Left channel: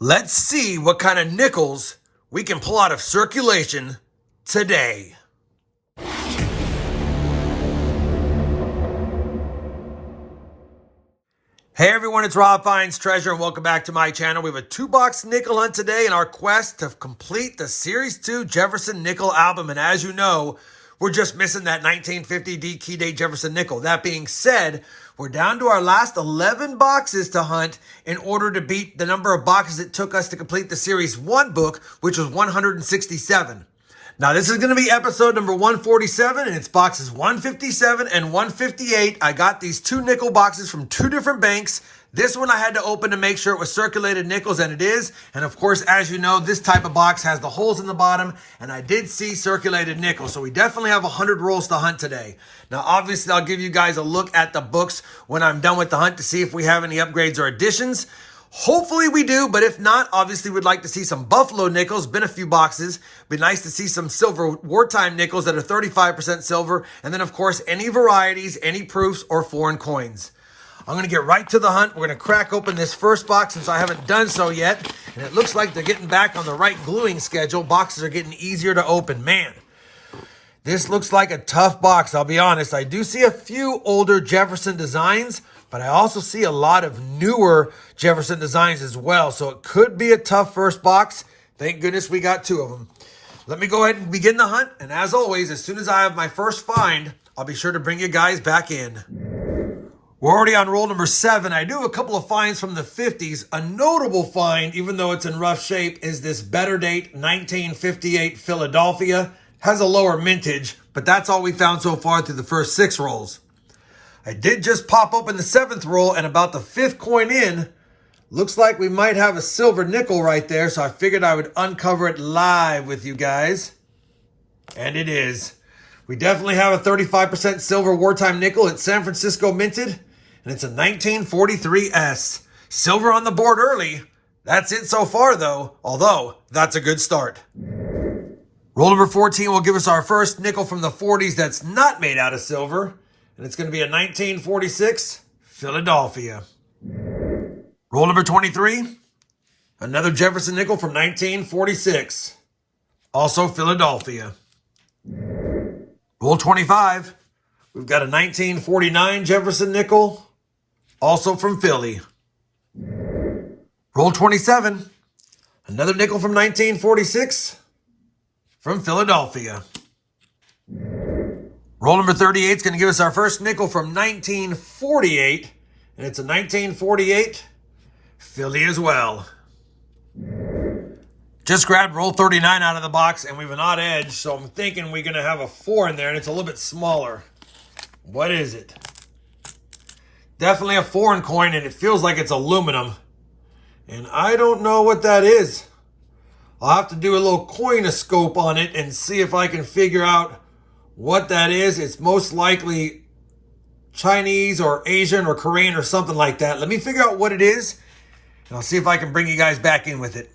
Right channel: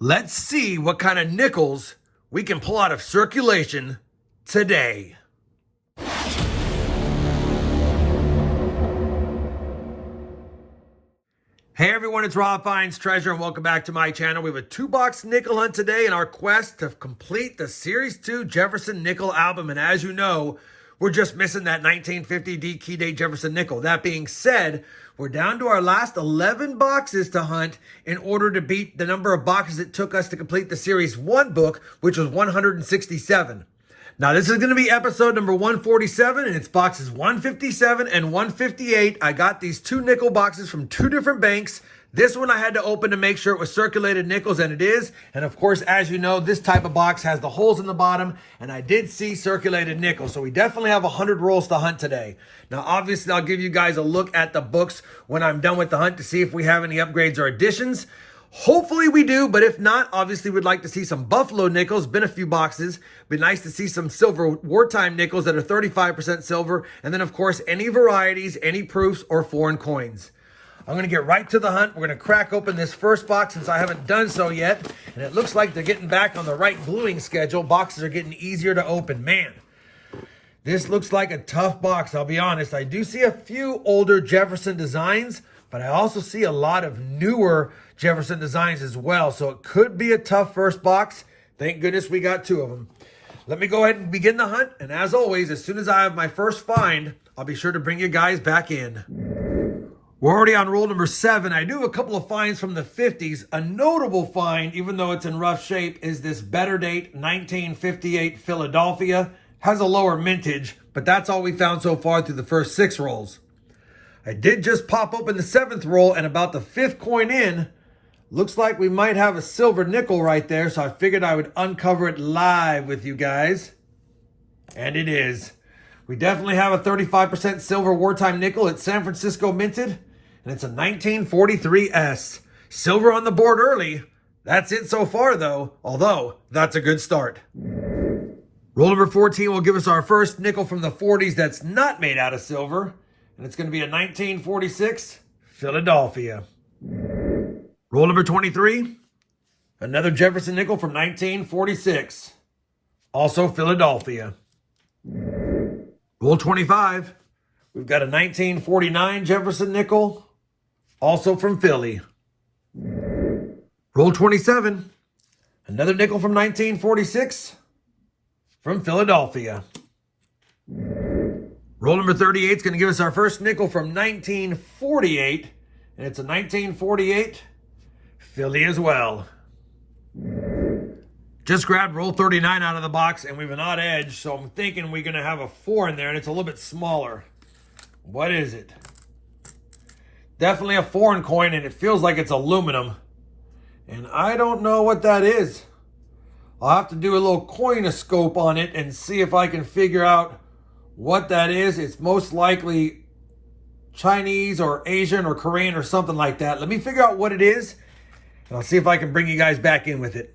Let's see what kind of nickels we can pull out of circulation today. Hey everyone, it's RobFindsTreasure and welcome back to my channel. We have a 2-box nickel hunt today in our quest to complete the Series 2 Jefferson Nickels album. And as you know, we're just missing that 1950 D key date Jefferson nickel. That being said, we're down to our last 11 boxes to hunt in order to beat the number of boxes it took us to complete the Series 1 book, which was 167. Now, this is going to be episode number 147, and it's boxes 157 and 158. I got these 2 nickel boxes from 2 different banks. This one I had to open to make sure it was circulated nickels, and it is. And of course, as you know, this type of box has the holes in the bottom, and I did see circulated nickels. So we definitely have 100 rolls to hunt today. Now, obviously, I'll give you guys a look at the books when I'm done with the hunt to see if we have any upgrades or additions. Hopefully we do, but if not, obviously we'd like to see some Buffalo nickels. Been a few boxes. Be nice to see some silver wartime nickels that are 35% silver. And then, of course, any varieties, any proofs, or foreign coins. I'm going to get right to the hunt. We're going to crack open this first box since I haven't done so yet. And it looks like they're getting back on the right gluing schedule. Boxes are getting easier to open. Man, this looks like a tough box, I'll be honest. I do see a few older Jefferson designs, but I also see a lot of newer Jefferson designs as well. So it could be a tough first box. Thank goodness we got 2 of them. Let me go ahead and begin the hunt. And as always, as soon as I have my first find, I'll be sure to bring you guys back in. We're already on roll number 7. I do have a couple of finds from the 50s. A notable find, even though it's in rough shape, is this better date 1958 Philadelphia. Has a lower mintage, but that's all we found so far through the first 6 rolls. I did just pop open the 7th roll, and about the 5th coin in, looks like we might have a silver nickel right there, so I figured I would uncover it live with you guys. And it is. We definitely have a 35% silver wartime nickel. It's San Francisco minted, and it's a 1943 S. Silver on the board early. That's it so far, though, although that's a good start. Roll number 14 will give us our first nickel from the 40s that's not made out of silver. And it's going to be a 1946 Philadelphia. Roll number 23. Another Jefferson nickel from 1946. Also Philadelphia. Roll 25. We've got a 1949 Jefferson nickel. Also from Philly. Roll 27. Another nickel from 1946. From Philadelphia. Roll number 38 is going to give us our first nickel from 1948. And it's a 1948 Philly as well. Just grabbed roll 39 out of the box, and we have an odd edge. So I'm thinking we're going to have a 4 in there, and it's a little bit smaller. What is it? Definitely a foreign coin, and it feels like it's aluminum. And I don't know what that is. I'll have to do a little coinoscope on it and see if I can figure out what that is. It's most likely Chinese or Asian or Korean or something like that. Let me figure out what it is, and I'll see if I can bring you guys back in with it.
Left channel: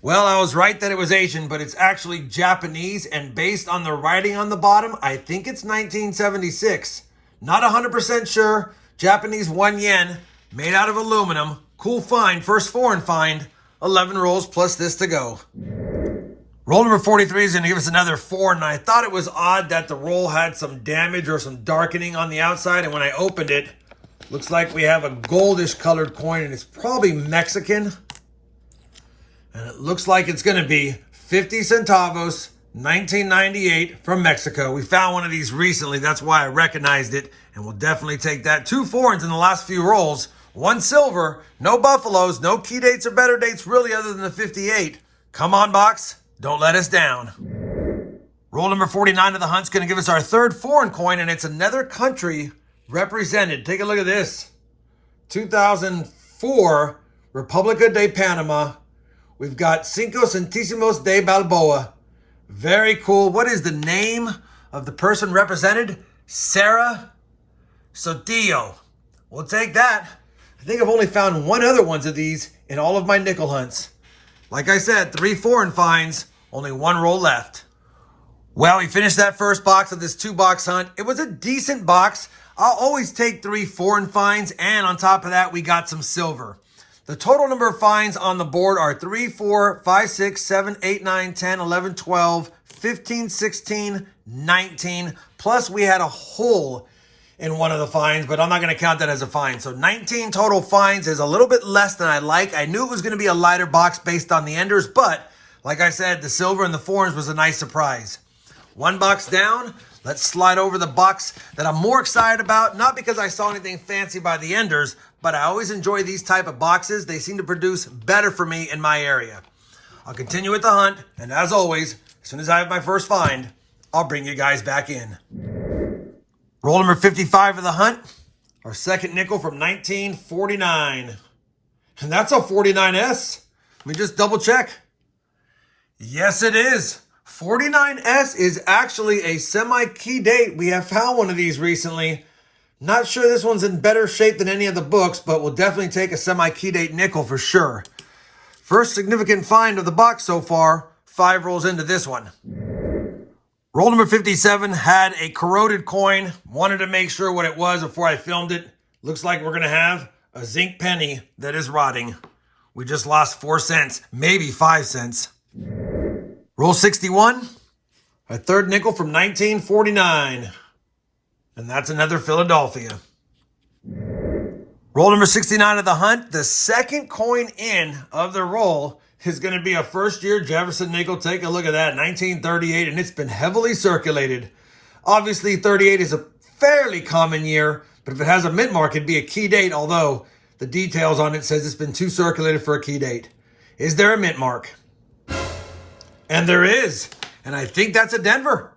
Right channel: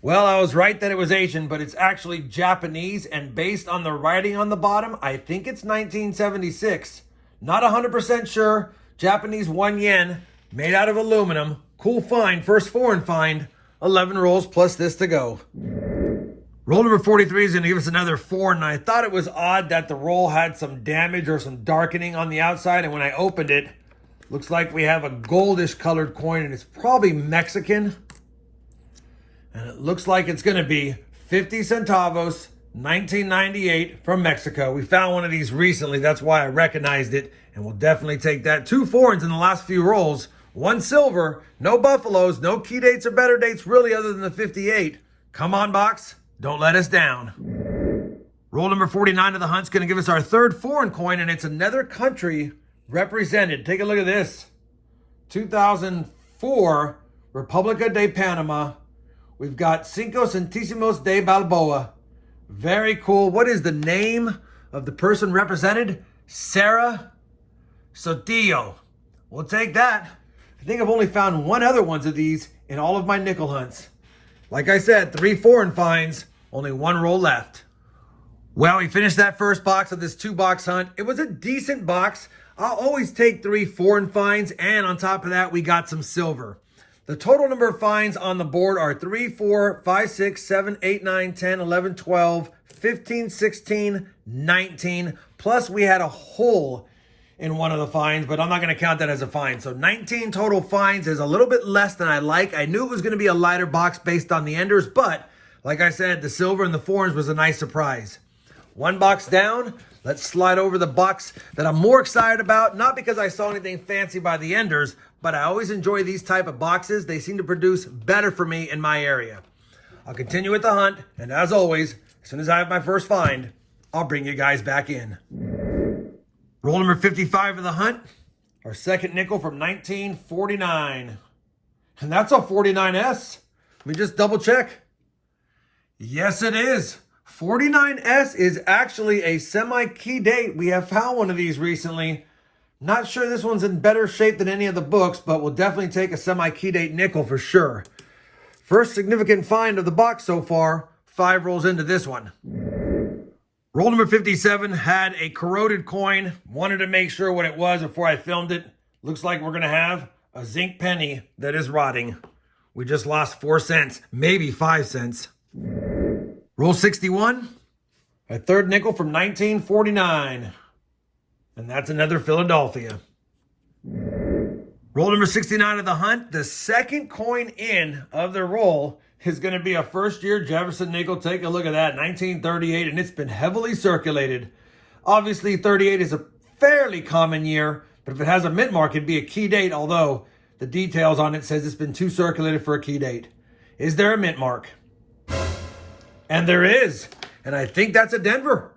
Well, I was right that it was Asian, but it's actually Japanese, and based on the writing on the bottom, I think it's 1976. Not 100% sure. Japanese 1 yen, made out of aluminum. Cool find, first foreign find. 11 rolls plus this to go. Roll number 43 is going to give us another 4, and I thought it was odd that the roll had some damage or some darkening on the outside, and when I opened it, looks like we have a goldish colored coin, and it's probably Mexican. And it looks like it's going to be 50 centavos, 1998 from Mexico. We found one of these recently, that's why I recognized it, and we'll definitely take that. 2 foreigns in the last few rolls, 1 silver, no buffaloes, no key dates or better dates really other than the 58. Come on, box. Don't let us down. Roll number 49 of the hunt's going to give us our 3rd foreign coin, and it's another country represented. Take a look at this. 2004, República de Panama. We've got Cinco Centésimos de Balboa. Very cool. What is the name of the person represented? Sarah Sotillo. We'll take that. I think I've only found 1 other ones of these in all of my nickel hunts. Like I said, 3 foreign finds, only 1 roll left. Well, we finished that first box of this 2-box hunt. It was a decent box. I'll always take 3 foreign finds, and on top of that, we got some silver. The total number of finds on the board are 3, 4, 5, 6, 7, 8, 9, 10, 11, 12, 15, 16, 19. Plus we had a hole in one of the finds, but I'm not going to count that as a find. So 19 total finds is a little bit less than I like. I knew it was going to be a lighter box based on the enders, but like I said, the silver and the fours was a nice surprise. One box down. Let's slide over the box that I'm more excited about, not because I saw anything fancy by the enders, but I always enjoy these type of boxes. They seem to produce better for me in my area. I'll continue with the hunt, and as always, as soon as I have my first find, I'll bring you guys back in. Roll number 55 of the hunt, our second nickel from 1949. And that's a 49S. Let me just double check. Yes, it is. 49S is actually a semi-key date. We have found one of these recently. Not sure this one's in better shape than any of the books, but we'll definitely take a semi-key date nickel for sure. First significant find of the box so far. 5 rolls into this one. Roll number 57 had a corroded coin. Wanted to make sure what it was before I filmed it. Looks like we're going to have a zinc penny that is rotting. We just lost 4 cents, maybe 5 cents. Roll 61, a third nickel from 1949. And that's another Philadelphia. Roll number 69 of the hunt. The second coin in of the roll is going to be a first-year Jefferson nickel. Take a look at that, 1938, and it's been heavily circulated. Obviously, 38 is a fairly common year, but if it has a mint mark, it'd be a key date, although the details on it says it's been too circulated for a key date. Is there a mint mark? And there is. And I think that's a Denver.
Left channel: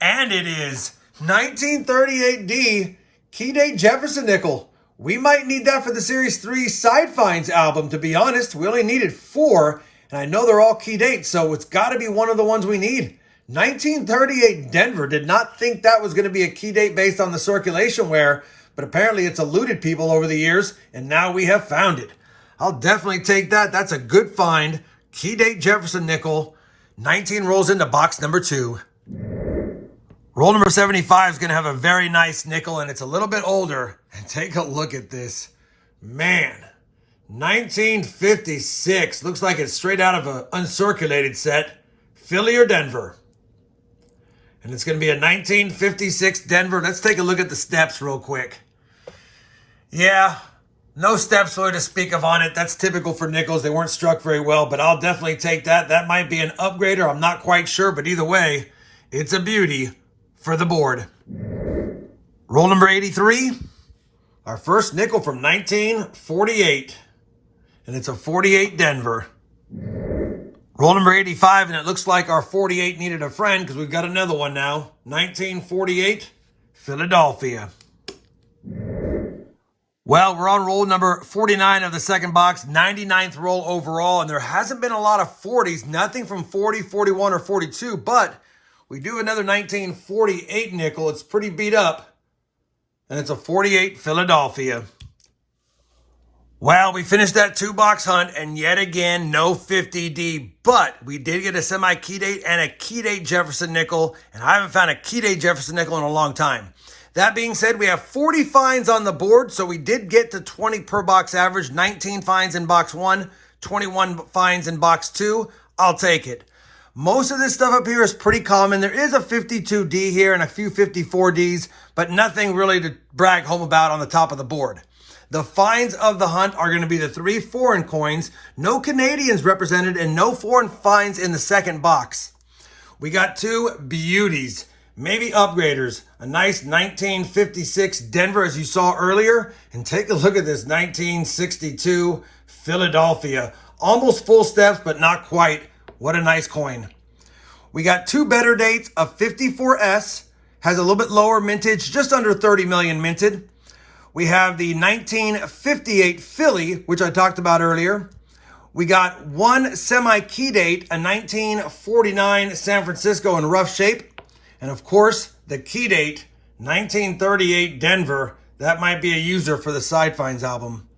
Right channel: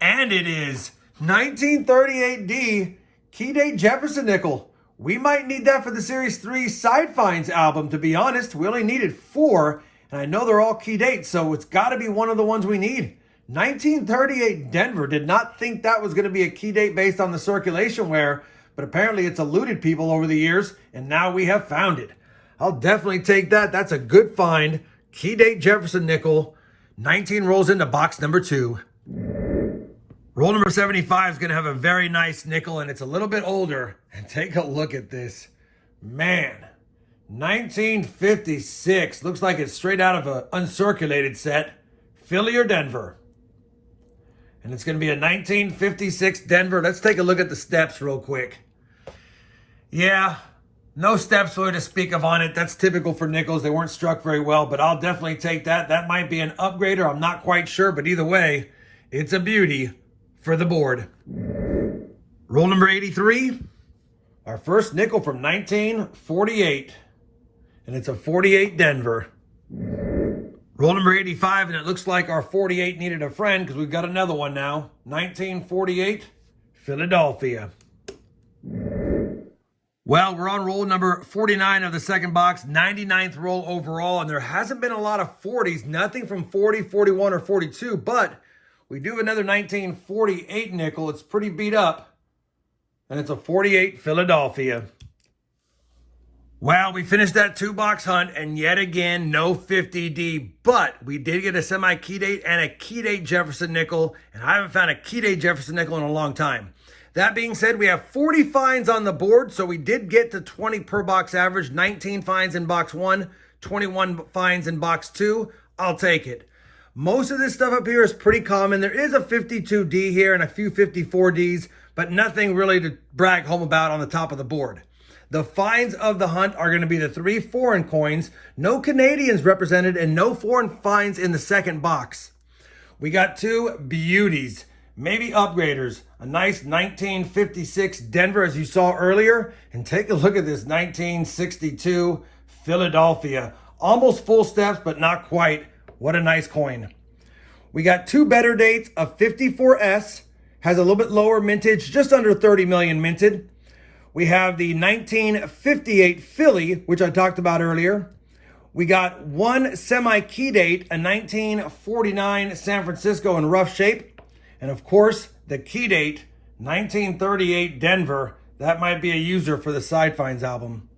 And it is 1938D key date Jefferson nickel. We might need that for the Series 3 Side Finds album, to be honest. We only needed 4, and I know they're all key dates, so it's got to be one of the ones we need. 1938 Denver. Did not think that was going to be a key date based on the circulation wear, but apparently it's eluded people over the years, and now we have found it. I'll definitely take that. That's a good find. Key date Jefferson nickel. 19 rolls into box number 2. Roll number 75 is going to have a very nice nickel, and it's a little bit older. And take a look at this. Man, 1956. Looks like it's straight out of an uncirculated set. Philly or Denver. And it's going to be a 1956 Denver. Let's take a look at the steps real quick. Yeah, no steps really to speak of on it. That's typical for nickels. They weren't struck very well, but I'll definitely take that. That might be an upgrader. I'm not quite sure, but either way, it's a beauty for the board. Roll number 83, our first nickel from 1948, and it's a 48 Denver. Roll number 85, and it looks like our 48 needed a friend because we've got another one now. 1948 Philadelphia. Well, we're on roll number 49 of the second box, 99th roll overall, and there hasn't been a lot of 40s, nothing from 40, 41, or 42, but we do have another 1948 nickel. It's pretty beat up, and it's a 48 Philadelphia. Well, we finished that 2-box hunt, and yet again, no 50D, but we did get a semi-key date and a key date Jefferson nickel, and I haven't found a key date Jefferson nickel in a long time. That being said, we have 40 finds on the board, so we did get to 20 per box average, 19 finds in box 1, 21 finds in box 2. I'll take it. Most of this stuff up here is pretty common. There is a 52D here and a few 54Ds, but nothing really to brag home about on the top of the board. The finds of the hunt are going to be the 3 foreign coins, no Canadians represented, and no foreign finds in the second box. We got 2 beauties. Maybe upgraders, a nice 1956 Denver, as you saw earlier, and take a look at this 1962 Philadelphia. Almost full steps, but not quite. What a nice coin. We got 2 better dates. A 54S has a little bit lower mintage, just under 30 million minted. We have the 1958 Philly, which I talked about earlier. We got 1 semi-key date, a 1949 San Francisco in rough shape. And of course, the key date, 1938 Denver. That might be a user for the Side Finds album.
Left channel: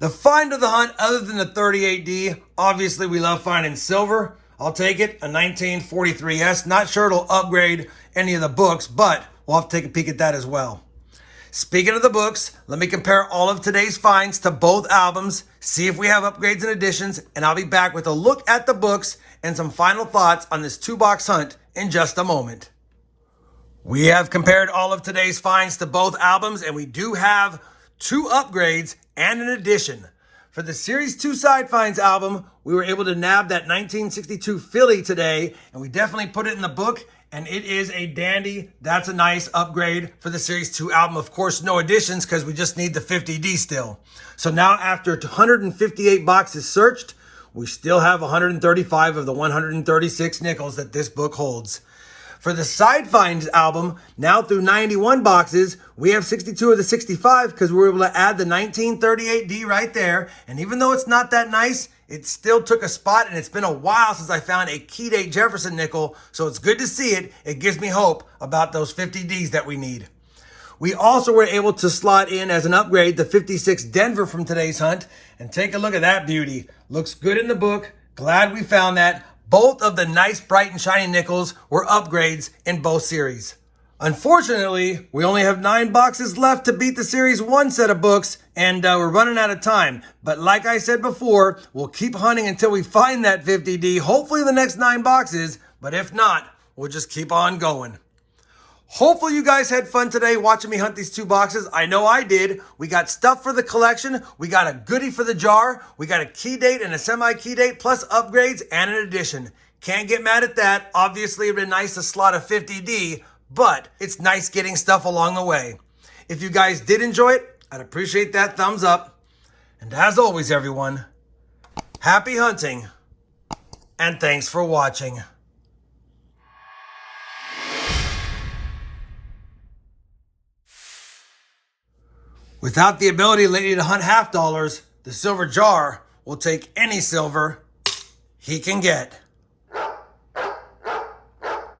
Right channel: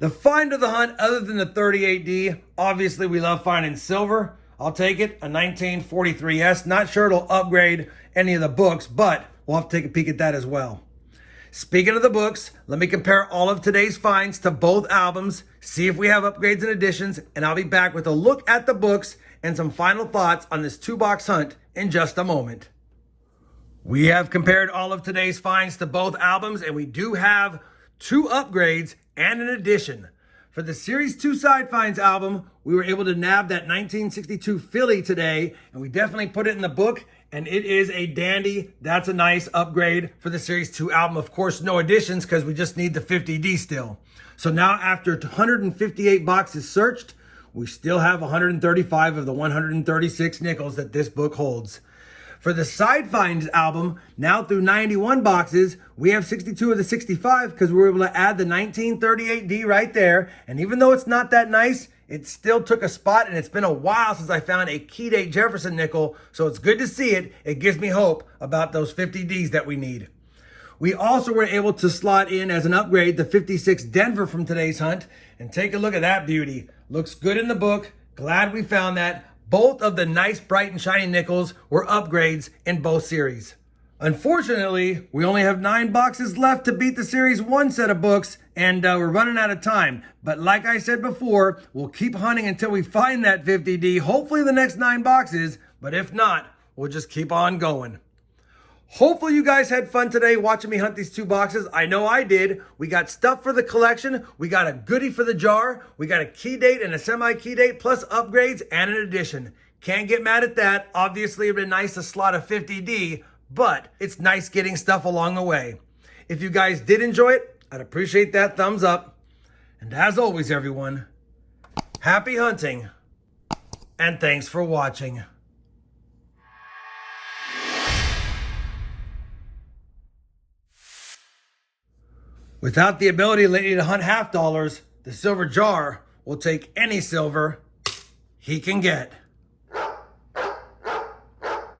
The find of the hunt, other than the 38D, obviously we love finding silver. I'll take it, a 1943S. Not sure it'll upgrade any of the books, but we'll have to take a peek at that as well. Speaking of the books, let me compare all of today's finds to both albums, see if we have upgrades and additions, and I'll be back with a look at the books and some final thoughts on this 2-box hunt in just a moment. We have compared all of today's finds to both albums, and we do have 2 upgrades and an addition. For the Series 2 Side Finds album, we were able to nab that 1962 Philly today, and we definitely put it in the book, and it is a dandy. That's a nice upgrade for the Series 2 album. Of course, no additions because we just need the 50D still. So now after 158 boxes searched, we still have 135 of the 136 nickels that this book holds. For the Side Finds album, now through 91 boxes, we have 62 of the 65 because we were able to add the 1938D right there. And even though it's not that nice, it still took a spot, and it's been a while since I found a key date Jefferson nickel, so it's good to see it. It gives me hope about those 50Ds that we need. We also were able to slot in as an upgrade the 56 Denver from today's hunt, and take a look at that beauty. Looks good in the book. Glad we found that. Both of the nice, bright, and shiny nickels were upgrades in both series. Unfortunately, we only have 9 boxes left to beat the Series 1 set of books, and we're running out of time. But like I said before, we'll keep hunting until we find that 50D, hopefully the next 9 boxes, but if not, we'll just keep on going. Hopefully you guys had fun today watching me hunt these 2 boxes. I know I did. We got stuff for the collection. We got a goodie for the jar. We got a key date and a semi-key date, plus upgrades and an addition. Can't get mad at that. Obviously, it'd been nice to slot a 50D, but it's nice getting stuff along the way. If you guys did enjoy it, I'd appreciate that thumbs up. And as always, everyone, happy hunting, and thanks for watching. Without the ability lately to hunt half dollars, the silver jar will take any silver he can get.